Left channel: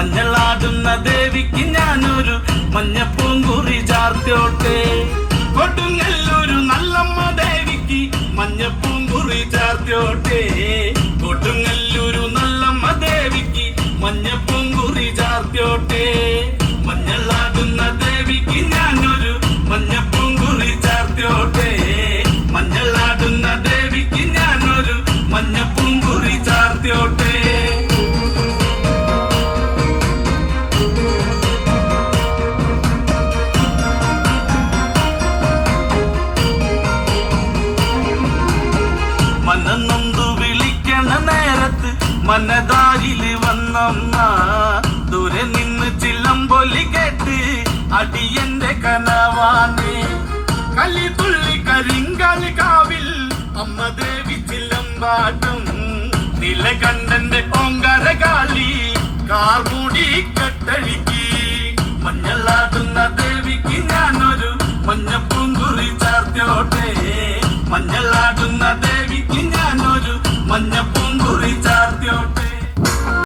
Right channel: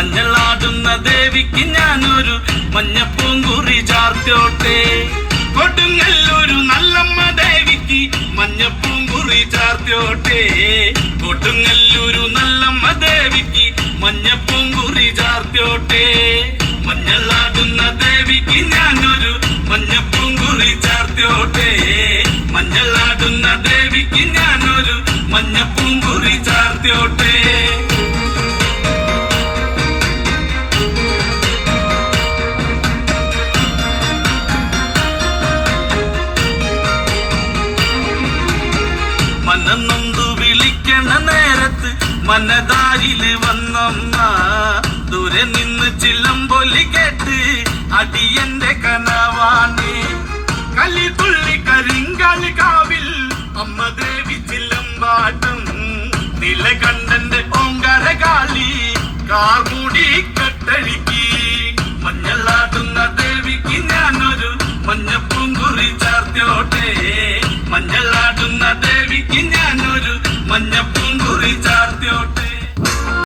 മഞ്ഞളാടുന്ന ദേവിക്ക് ഞാനൊരു മഞ്ഞപ്പൂങ്കുറി ചാർത്തോട്ടെ. കൊടുങ്ങല്ലൂരു നല്ലമ്മ ദേവിക്ക് മഞ്ഞപ്പൂങ്കുറി ചാർത്തോട്ടെ. കൊടുങ്ങല്ലൂരു നല്ലമ്മ ദേവിക്ക് മഞ്ഞപ്പൂങ്കുറി ചാർത്തോട്ടെ. മഞ്ഞളാടുന്ന ദേവിക്ക് ഞാനൊരു മഞ്ഞപ്പൂങ്കുറി ചാർത്തോട്ടെ. മഞ്ഞളാടുന്ന ദേവിക്ക് ഞാനൊരു മഞ്ഞപ്പൂങ്കുറി ചാർത്തോട്ടെ. മനന്നൊന്തു വിളിക്കണ നേരത്ത് മനതാരില് വന്നമ്മ. ദൂരെ നിന്ന് ചിലമ്പൊലി കേട്ട് അടിയന്റെ കനവാണ്. കലി തുള്ളി കരിങ്കാലി കാവിൽ അമ്മ ദേവി ചിലമ്പാട്ടം. നിലകണ്ഠന്റെ ഓങ്കരകാളി കാർമൂടി കെട്ടഴിക്ക്. മഞ്ഞളാടുന്ന ദേവിക്ക് ഞാനൊരു മഞ്ഞപ്പൂങ്കുറി ചാർത്തോട്ടെ. മഞ്ഞളാട്